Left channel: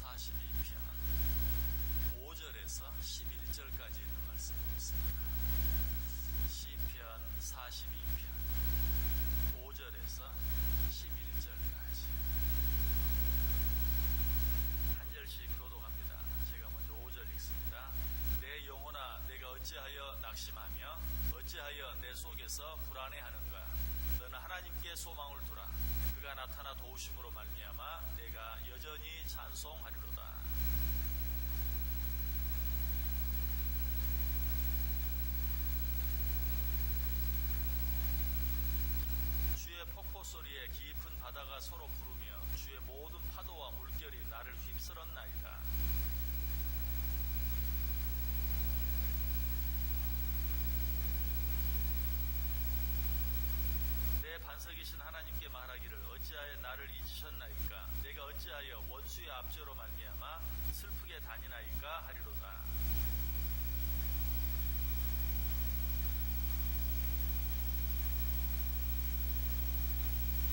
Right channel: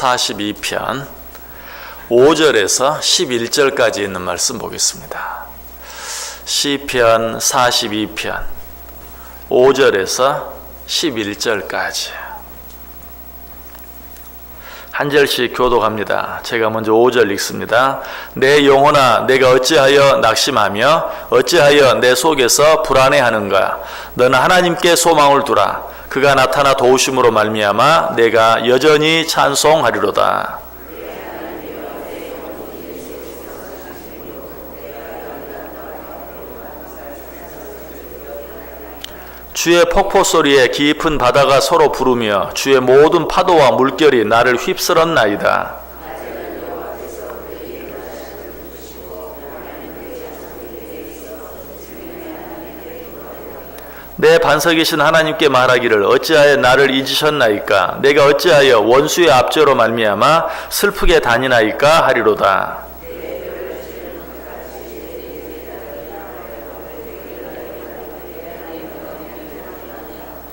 42편 5절에서 11절까지 있는 말씀 보겠습니다. 시편 42편 5절에서 11절까지 한 절씩 교독합니다. 제가 먼저 5절 읽습니다. 내 영혼아, 내가 어찌하여 낙심하며 어찌하여 내 속에서 불안해하는가? 너는 하나님께 소망을 두라. 그가 나타나 도우심으로 말미암아 내가 여전히 찬송하리로다. 주의 폭포 소리에 깊은 바다가 서로 부르며 주의 모든 파도와 물결이 나를 휩쓸었나이다. 내 반석이신 하나님께 말하기를 어찌하여 나를 잊으셨나이까? 내가 어찌하여 원수의 압제로 말미암아 슬프게 다니나이까 하리로다.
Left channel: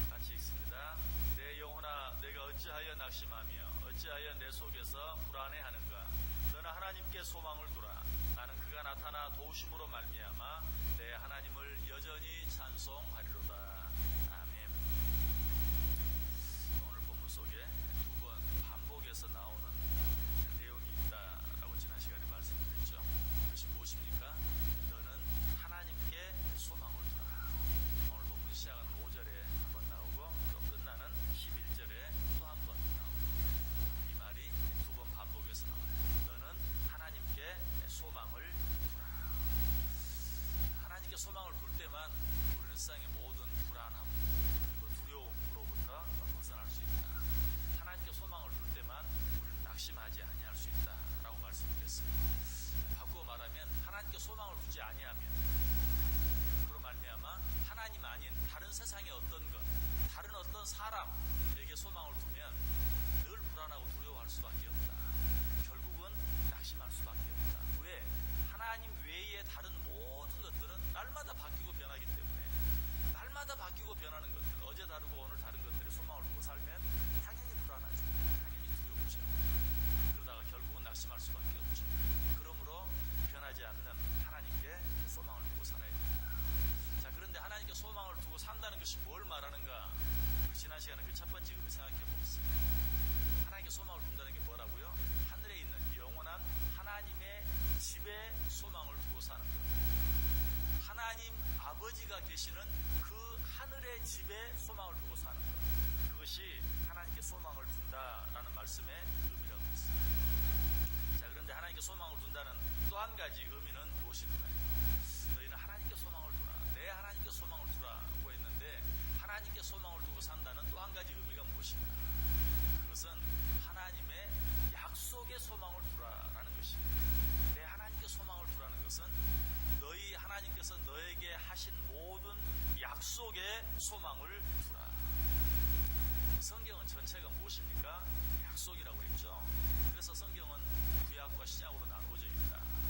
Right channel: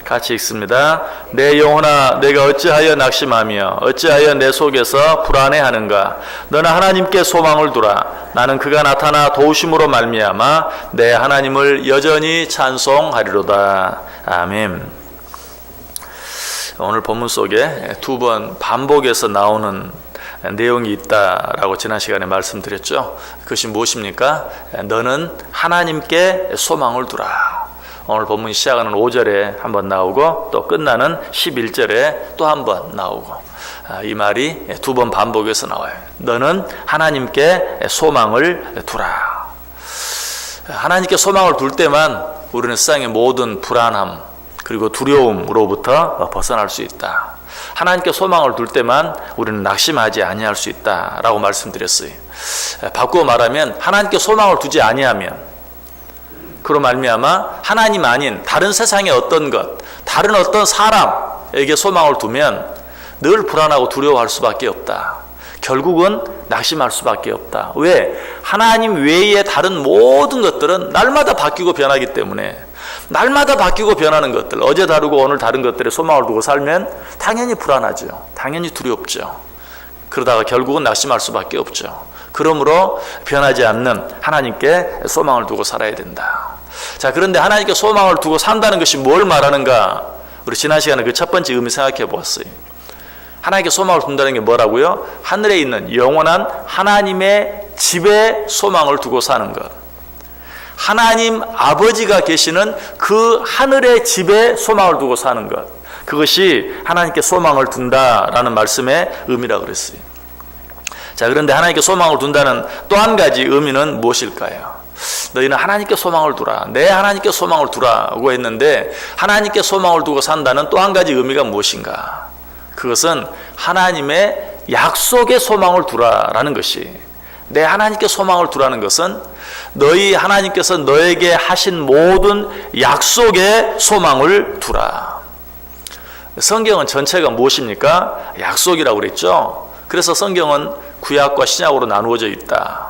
같이 읽습니다. 내 영혼아, 내가 어찌하여 낙심하며 어찌하여 내 속에서 불안해하는가? 너는 하나님께 소망을 두라. 나는 그가 나타나 도우심으로 말미암아 내 하나님을 여전히 찬송하리로다. 아멘. 오늘 본문 속에 두 번 반복해서 나오는 내용이 있다라고 지난 시간에 말씀드렸죠. 그것이 무엇입니까? 너는 하나님께 소망을 두라. 오늘 본문이 시작하는 5절에 한번 나오고 또 끝나는 11절에 또 한번 나오고, 이 말이 두 번 반복해서 나와요. 너는 하나님께 소망을 두라. 하나님께 소망을 둘 때만 우리는 세상의 모든 불안함 그리고 두려움으로부터 벗어날 수 있다. 하나님께 소망을 둘 때만 우리는 낙심하지 아니할 수 있다라고 말씀드렸어요. 바꾸어 말하면 하나님께 소망을 두지 아니하면, 그로 말미암아 하나님 아닌 다른 세상의 어떤 것, 다른 어떤 사람에게 소망을 두면 늘 불안하고 두려워할 수밖에 없다. 결국은 낙심할 수밖에 없다. 왜? 하나님 외의 다른 모든 것들은 날마다 바뀌고 변하기 때문에, 날마다 바뀌고 변하는 것들, 어제 다르고 오늘 다른 것들에 소망을 두고 살면 당연히 불안하죠. 당연히 두렵죠. 그러다가 결국은 낙심할 수밖에 없죠. 그러므로 변하지 않는 하나님께 소망을 두고 살아야 된다. 자, 그런데 하나님께 소망을 두고 산다는 것이 뭘 말하는가? 우리 지난 시간에 그 첫 번째 의미 생각해 보았어요. 하나님께 소망을 둔다는 게 뭐라고요? 하늘에 있는 영원한 하나님의 집에 소망을 두고 사는 것. 하나님 아버지가 계시는 그 하늘의 집에 소망을 두고 사는 것. 그것이 하나님께 소망을 둔다라는 말씀의 의미라고 그랬어요. 자, 그런데 하나님께 소망을 둔다는 또 한 가지 의미는 무엇일까요? 너희는 하나님께 소망을 두라. 내 하나님께 소망을 두라고 했는데, 하나님께 소망을 두고 산다는 또 한 가지 의미가 무엇인가? 그것은 하나님의 약속에 소망을 두라라는 것이, 내 하나님께 소망을 두라는 것은 너희 하나님께서 너에게 하신 모든 약속에 소망을 두라. 성경은 전체가 무엇입니까? 약속이라고 그랬죠. 그래서 성경은 구약과 신약으로 나누어져 있다.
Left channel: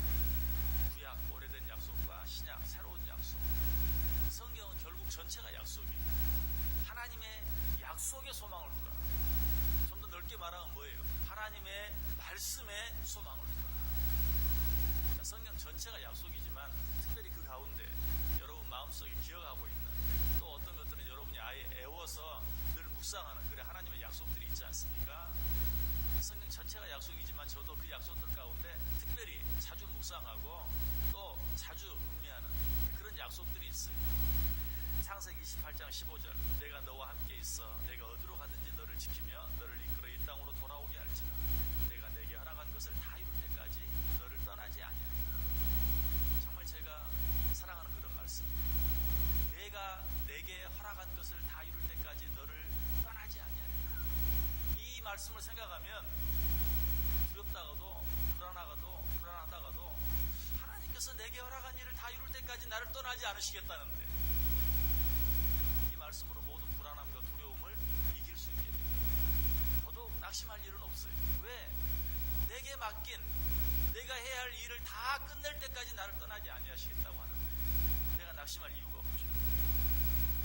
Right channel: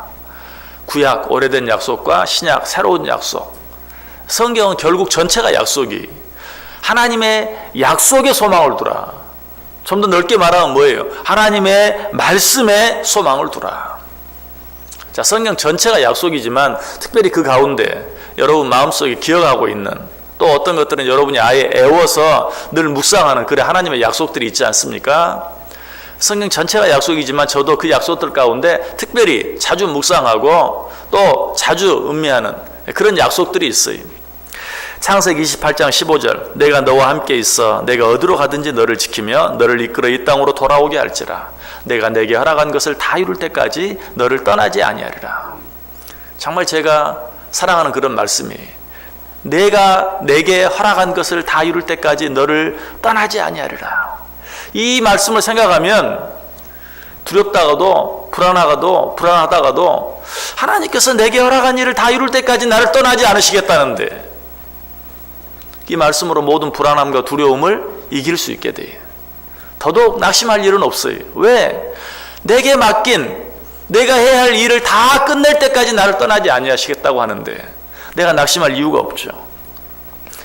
구약, 오래된 약속과 신약, 새로운 약속. 성경은 결국 전체가 약속이, 하나님의 약속에 소망을 두라. 좀 더 넓게 말하면 뭐예요? 하나님의 말씀에 소망을 두라. 자, 성경 전체가 약속이지만 특별히 그 가운데 여러분 마음속에 기억하고 있는, 또 어떤 것들은 여러분이 아예 애워서 늘 묵상하는 그래 하나님의 약속들이 있지 않습니까? 성경 전체가 약속이지만 저도 그 약속들 가운데 특별히 자주 묵상하고 또 자주 음미하는 그런 약속들이 있어요. 창세기 28장 15절, 내가 너와 함께 있어 내가 어디로 가든지 너를 지키며 너를 이끌어 이 땅으로 돌아오게 할지라. 내가 내게 허락한 것을 다 이룰 때까지 너를 떠나지 아니하리라. 정말 제가 사랑하는 그런 말씀이에요. 내가 내게 허락한 것을 다 이룰 때까지 너를 떠나지 아니하리라. 이 말씀을 생각하면 두렵다가도 불안하다가도 하나님께서 내게 허락한 일을 다 이룰 때까지 나를 떠나지 않으시겠다는데, 이 말씀으로 모든 불안함과 두려움을 이길 수 있게 돼요. 더더욱 낙심할 일은 없어요. 왜? 내게 맡긴 내가 해야 할 일을 다 끝낼 때까지 나를 떠나지 아니하시겠다고 하는데 내가 낙심할 이유가 없죠.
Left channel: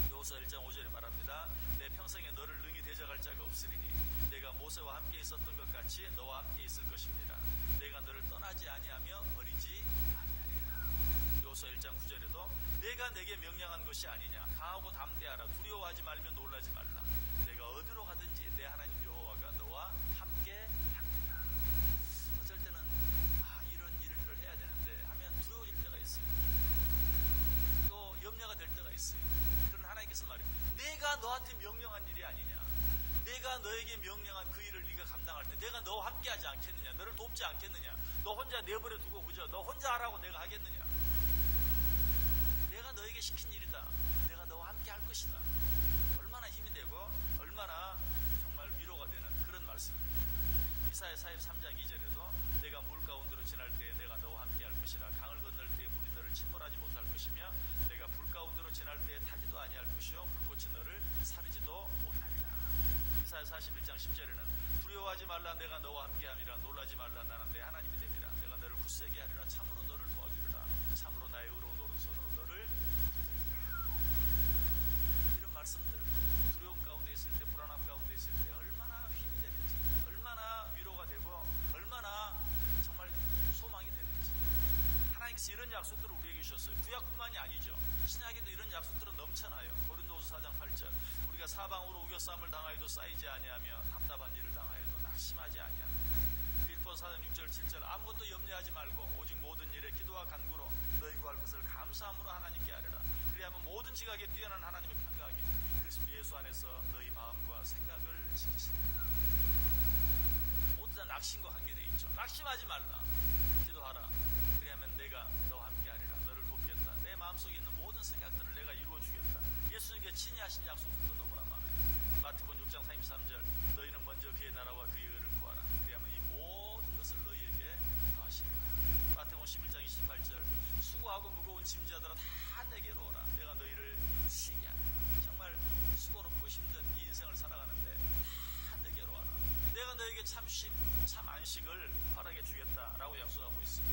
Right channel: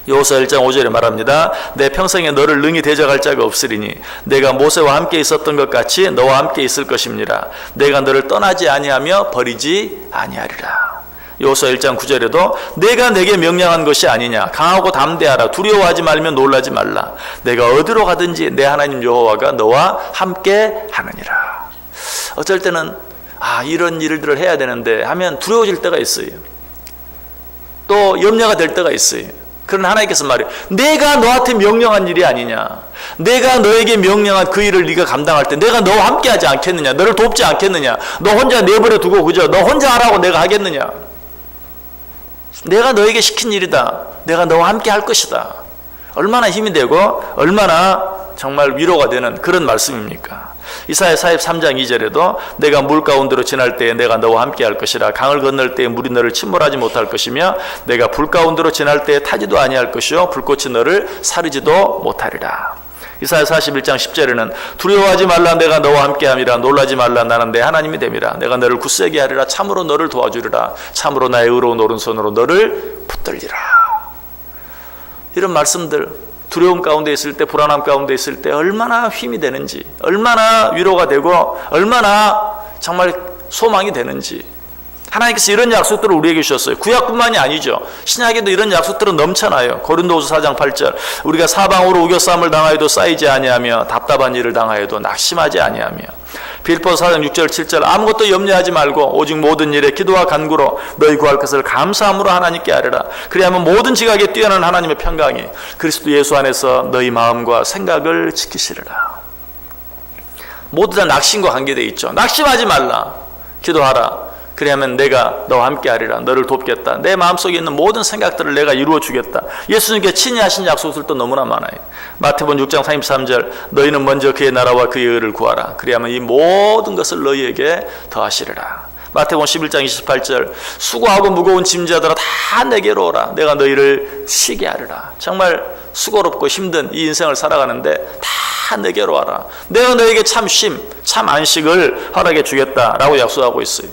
여호수아 1장 5절에 말합니다. 내 평생에 너를 능히 대적할 자가 없으리니 내가 모세와 함께 있었던 것 같이 너와 함께 있을 것입니다. 내가 너를 떠나지 아니하며 버리지 아니하리라. 여호수아 1장 9절에도 내가 내게 명령한 것이 아니냐, 강하고 담대하라, 두려워하지 말며 놀라지 말라, 내가 어디로 가든지 내 하나님 여호와가 너와 함께 하느니라. 어쩔 때는 이런 일들을 해야 되는데 하면 두려워질 때가 있어요. 또 염려가 될 때가 있어요. 그러나 하나님께서 말해요. 내가 너한테 명령한 일이 아니냐, 내가 너에게 명령한 그 일을 네가 감당할 때 내가 너와 함께 하지 않겠느냐, 너를 돕지 않겠느냐, 너 혼자 내버려 두고 그저 너 혼자 하라고 내가 하겠느냐, 내가 너에게 시킨 일이다, 내가 너와 함께 할 것이다. 얼마나 힘이 되고 얼마나 정말 위로가 되는 그런 말씀입니까? 이사야 43장 2절에도 내가 물 가운데로 지날 때에 내가 너와 함께 할 것이라, 강을 건널 때에 물이 너를 침몰하지 못할 것이며 내가 불 가운데로 지날 때에 타지도 아니할 것이요 불꽃이 너를 사르지도 못하리라. 이사야 41장 10절에는 두려워하지 말라, 내가 너와 함께함이라, 놀라지 말라, 나는 내 하나님이 됨이라, 내가 너를 굳세게 하리라, 참으로 너를 도와주리라, 참으로 나의 의로운 오른손으로 너를 붙들리라. 이런 말씀들, 두려움 가운데 있을 때, 불안함 가운데 있을 때 얼마나 힘이 되는지, 얼마나 위로가 되고 얼마나 정말 소망이 되는지, 하나님께서 이런 약속들을 우리에게 주셨어요. 구약뿐만이 아니죠. 신약에도 이런 약속들은 넘쳐나요. 고린도후서 4장 8절 우리가 사방으로 우겨싸움을 당하여도 쌓이지 아니하며 답답한 일을 당하여도 낙심하지 아니하며, 빌립보서 4장 6절 7절 아무것도 염려하지 말고 오직 모든 일에 기도와 간구로 너희 구할 것을 감사함으로 하나님께 아뢰라. 그리하면 모든 지각에 뛰어난 하나님의 평강이 그리스도 예수 안에서 너희 마음과 생각을 지키시리라. 모두 다 낙심과 관계되어 있죠. 낙심하지 말라, 기도하라. 그리하면 내가 너와 함께 하리라, 너를 돕겠다, 내 마음속에 있는 모든 생각들을 내가 이루어 주겠다. 예수님께 친히 하신 약속들도 너무나 많아요. 마태복음 6장 33절 너희는 먼저 그의 나라와 그의 의를 구하라, 그리하면 이 모든 것을 너희에게 더하시리라. 마태복음 11장 28절 수고하고 무거운 짐자들아 다 내게로 오라, 내가 너희를 쉬게 하리라. 정말 수고롭고 힘든 이 인생을 살아가는데 다 내게로 와라, 내가 너에게 참 쉼, 참 안식을 허락해 주겠다라고 약속하고 있어요.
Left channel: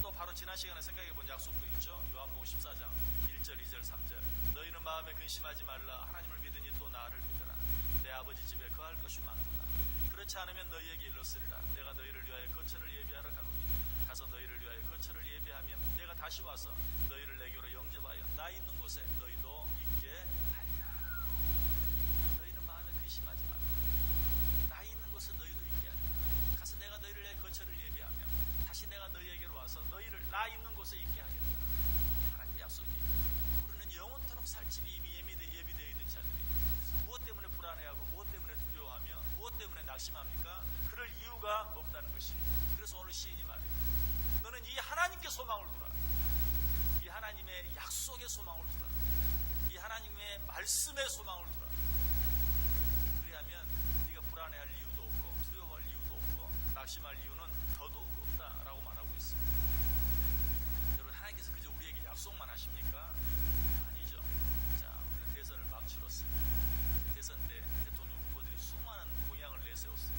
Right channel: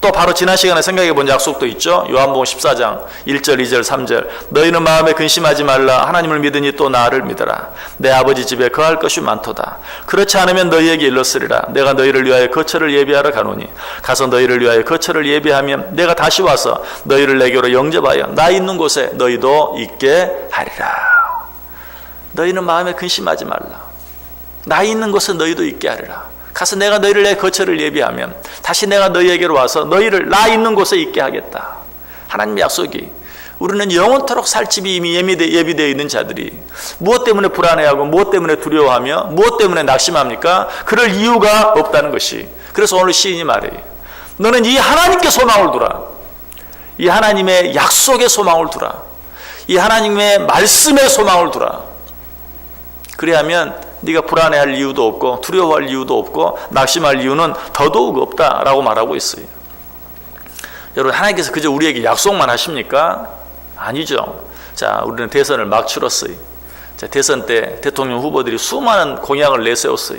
또 바로 지난 시간에 생각해 본 약속도 있죠. 요한복음 14장 1절 2절 3절 너희는 마음에 근심하지 말라, 하나님을 믿으니 또 나를 믿어라, 내 아버지 집에 거할 것이 많도다. 그렇지 않으면 너희에게 일렀으리라, 내가 너희를 위하여 거처를 예비하러 가노니 가서 너희를 위하여 거처를 예비하면 내가 다시 와서 너희를 내게로 영접하여 나 있는 곳에 너희도 있게 하리라. 너희는 마음에 근심하지 말라, 나 있는 곳에 너희도 있게 하리라. 가서 내가 너희를 내 거처를 예비하면 다시 내가 너희에게로 와서 너희를 나 있는 곳에 있게 하겠다. 하나님의 약속이, 우리는 영원토록 살 집이 이미 예비되어 있는 자들이 무엇 때문에 불안해하고 무엇 때문에 두려워하며 무엇 때문에 낙심합니까? 그럴 이유가 없다는 것이. 그래서 오늘 시인이 말해요. 너는 이 하나님께 소망을 두라, 이 하나님의 약속에 소망을 두라, 이 하나님의 말씀에 소망을 두라. 그래야면 네가 불안해할 이유도 없고 두려워할 이유도 없고 낙심할 이유는 더더욱 없다라고 말하고 있어요. 여러분, 하나님께서 그저 우리에게 약속만 하십니까? 아니죠. 자, 우리는 대선을 막 치렀어요. 자, 대선 때 대통령 후보들이 수많은 공약을 내세웠어요.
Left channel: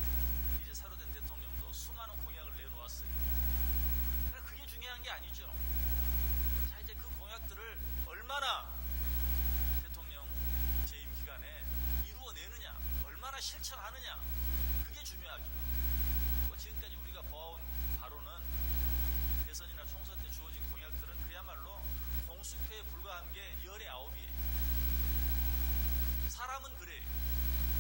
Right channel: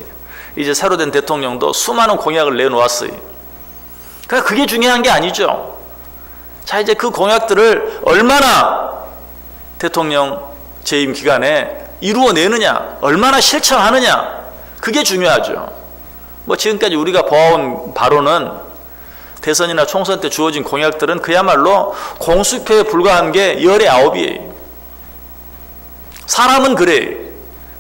이제 새로 된 대통령도 수많은 공약을 내놓았어요. 그러니까 그게 중요한 게 아니죠. 자, 이제 그 공약들을 얼마나 대통령 재임 기간에 이루어내느냐, 얼마나 실천하느냐, 그게 중요하죠. 뭐 지금까지 우리가 보아온 바로는 대선이나 총선 때 주어진 공약들은 그야말로 공수표에 불과한 게 19이에요. 사람은 그래.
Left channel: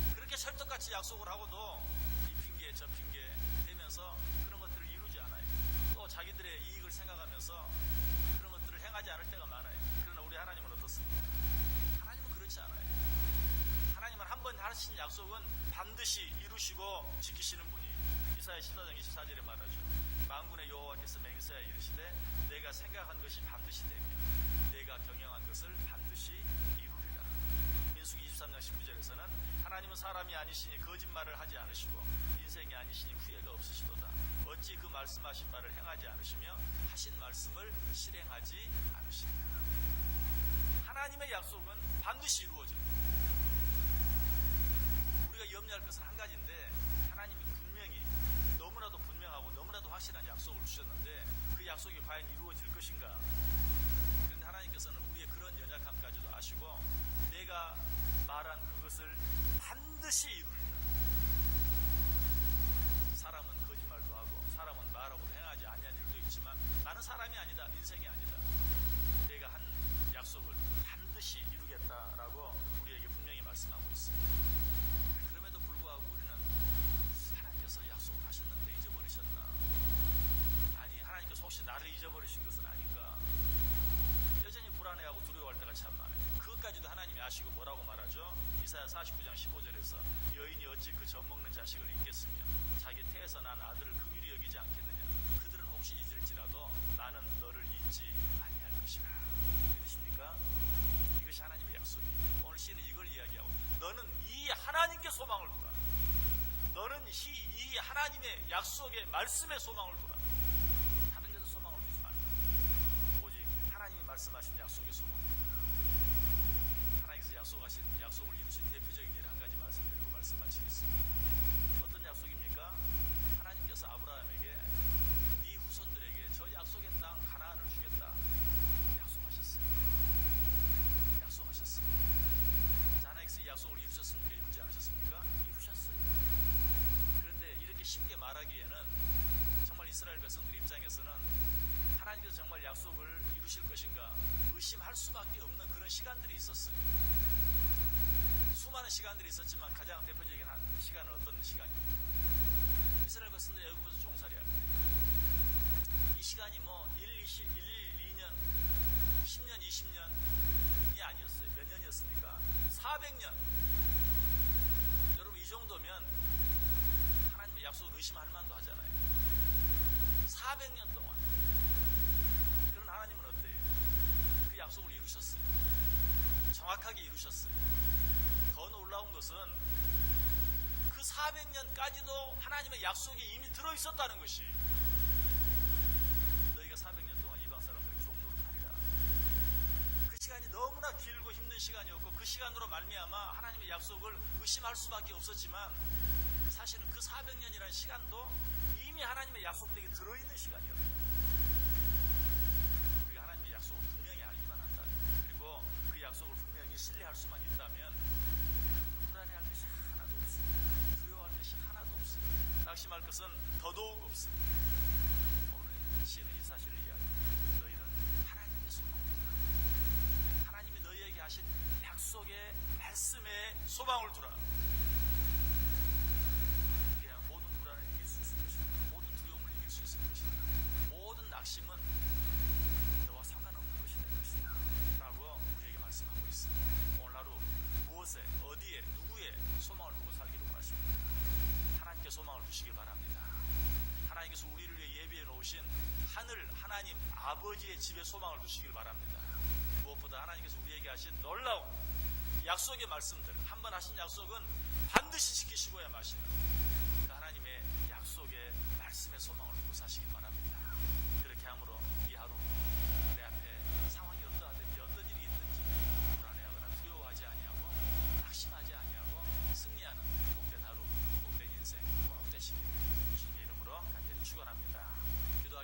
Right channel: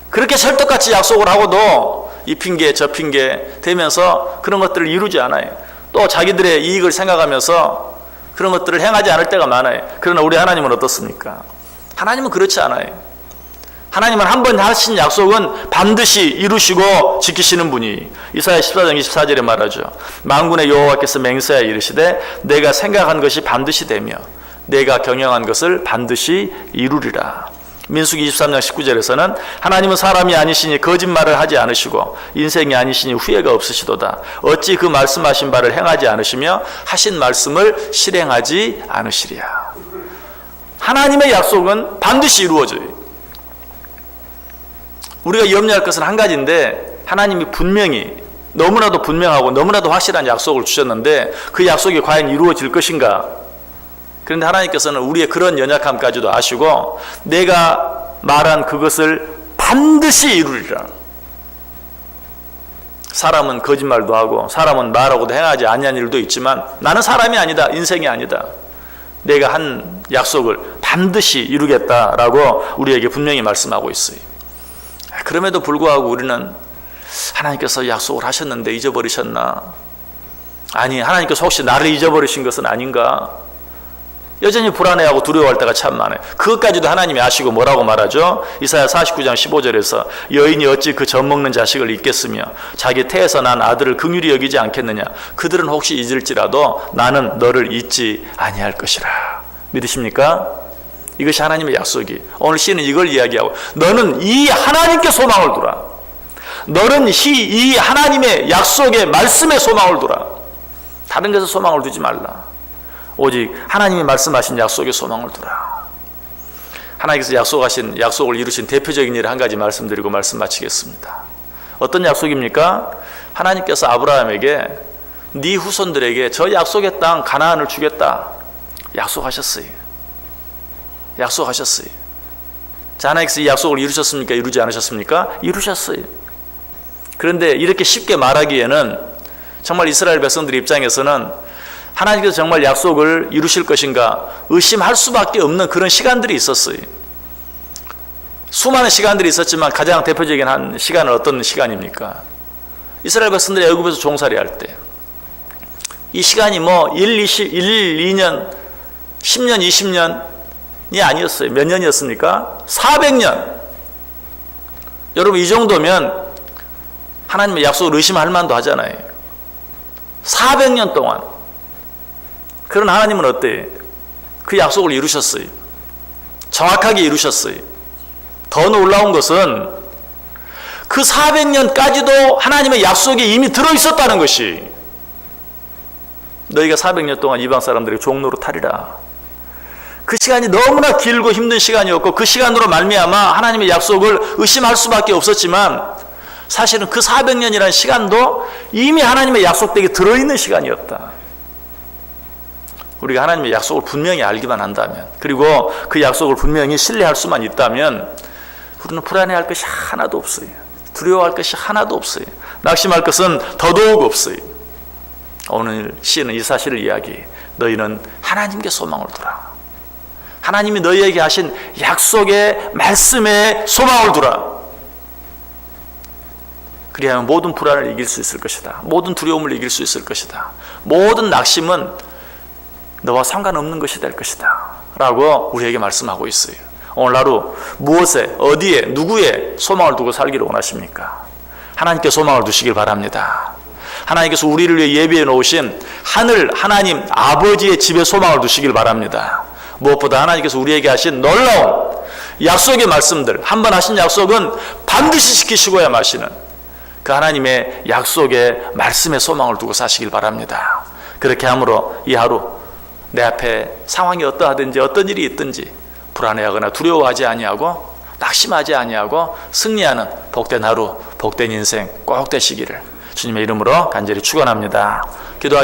그렇게 설득같이 약속을 하고도 이 핑계 저 핑계 대면서 그런 것들을 이루지 않아요. 또 자기들의 이익을 생각하면서 그런 것들을 행하지 않을 때가 많아요. 그러나 우리 하나님은 어떻습니까? 하나님은 그렇지 않아요. 하나님은 한 번 하신 약속은 반드시 이루시고 지키시는 분이, 이사야 14장 24절에 말하죠. 만군의 여호와께서 맹세하여 이르시되 내가 생각한 것이 반드시 되며 내가 경영한 것을 반드시 이루리라. 민수기 23장 19절에서는 하나님은 사람이 아니시니 거짓말을 하지 않으시고 인생이 아니시니 후회가 없으시도다. 어찌 그 말씀하신 바를 행하지 않으시며 하신 말씀을 실행하지 않으시랴. 하나님의 약속은 반드시 이루어져요. 우리가 염려할 것은 한 가지인데, 하나님이 분명히 너무나도 분명하고 너무나도 확실한 약속을 주셨는데 그 약속이 과연 이루어질 것인가? 그런데 하나님께서는 우리의 그런 연약함까지도 아시고 내가 말한 그것을 반드시 이루리라. 사람은 거짓말도 하고 사람은 말하고도 행하지 아니한 일도 있지만 나는 사람이 아니다. 인생이 아니다. 내가 한 약속을 반드시 이루겠다라고 우리에게 분명히 말씀하고 있어요. 그럼에도 불구하고 우리는 하나님께서 약속을 하셨는데 잊어버리셨나? 아니, 하나님께서 혹시 나를 잊어버리신 것은 아닌가? 여전히 불안해하고 두려워할 때가 참 많아요. 그것까지도 하나님이 아시고 뭐라고 말하죠? 이사야 49장 15절에서 여인이 어찌 그 젖먹는 자식을 잊겠으며 자기 태에서 난 아들을 긍휼히 여기지 않겠느냐? 그들은 혹시 잊을지라도 나는 너를 잊지 아니할 것이라. 믿으십니까? 이것이 하나님의 약속이. 오늘 시는 이걸 이야기하고 너는 이 하나님께 소망을 두라. 너는 이 하나님의 약속의 말씀에 소망을 두라. 다른 데서 소망을 두지 말라. 오직 하나님이 말씀하신 약속에 소망을 두라. 하나님께서 약속을 이루신 대표적인 일을 한 가지 말씀드리고 말씀 마치겠습니다. 어떤 약속입니까? 하나님께서 아브라함에게 네 후손들에게 저 약속의 땅 가나안을 주겠다 약속하셨어요. 약속하셨어요. 자, 하나님께서 이 약속을 이루셨습니까? 이루지 않으셨습니까? 이루셨어요. 그런데 이렇게 쉽게 말하기에는 정말 이스라엘 백성들 입장에서는 하나님께서 정말 약속을 이루실 것인가 의심할 수밖에 없는 그런 시간들이 있었어요. 수많은 시간들이 있었지만 가장 대표적인 한 시간은 어떤 시간입니까? 이스라엘 백성들이 애굽에서 종살이할 때 이 시간이 뭐 1, 2년, 10년, 20년이 아니었어요. 몇 년이었습니까? 400년. 여러분, 이 정도면 하나님의 약속을 의심할 만도 하잖아요. 400년 동안. 그런 하나님은 어때요? 그 약속을 이루셨어요. 정확하게 이루셨어요. 더 놀라운 것은 그 400년까지도 하나님의 약속이 이미 들어있었다는 것이 너희가 400년 동안 이방 사람들에게 종로로 타리라. 그 시간이 너무나 길고 힘든 시간이었고 그 시간으로 말미암아 하나님의 약속을 의심할 수밖에 없었지만 사실은 그 400년이라는 시간도 이미 하나님의 약속되게 들어있는 시간이었다. 우리가 하나님의 약속을 분명히 알기만 한다면 그리고 그 약속을 분명히 신뢰할 수만 있다면 우리는 불안해할 것이 하나도 없어요. 두려워할 것이 하나도 없어요. 낙심할 것은 더더욱 없어요. 오늘 시는 이 사실을 이야기해. 너희는 하나님께 소망을 두라. 하나님이 너희에게 하신 약속의 말씀에 소망을 두라. 그리하면 모든 불안을 이길 수 있을 것이다. 모든 두려움을 이길 수 있을 것이다. 모든 낙심은 너와 상관없는 것이 될 것이다 라고 우리에게 말씀하고 있어요. 오늘 하루 무엇에, 어디에, 누구에 소망을 두고 살기를 원하십니까? 하나님께 소망을 두시길 바랍니다. 하나님께서 우리를 위해 예비해 놓으신 하늘 하나님 아버지의 집에 소망을 두시길 바랍니다. 무엇보다 하나님께서 우리에게 하신 놀라운 약속의 말씀들, 한 번 하신 약속은 반드시 지키시고야 마시는 그 하나님의 약속의 말씀에 소망을 두고 사시길 바랍니다. 그렇게 함으로 이 하루 내 앞에 상황이 어떠하든지 어떤 일이 있든지 불안해하거나 두려워하지 아니하고 낙심하지 아니하고 승리하는 복된 하루, 복된 인생 꼭 되시기를 주님의 이름으로 간절히 축원합니다. 기도하겠습니다.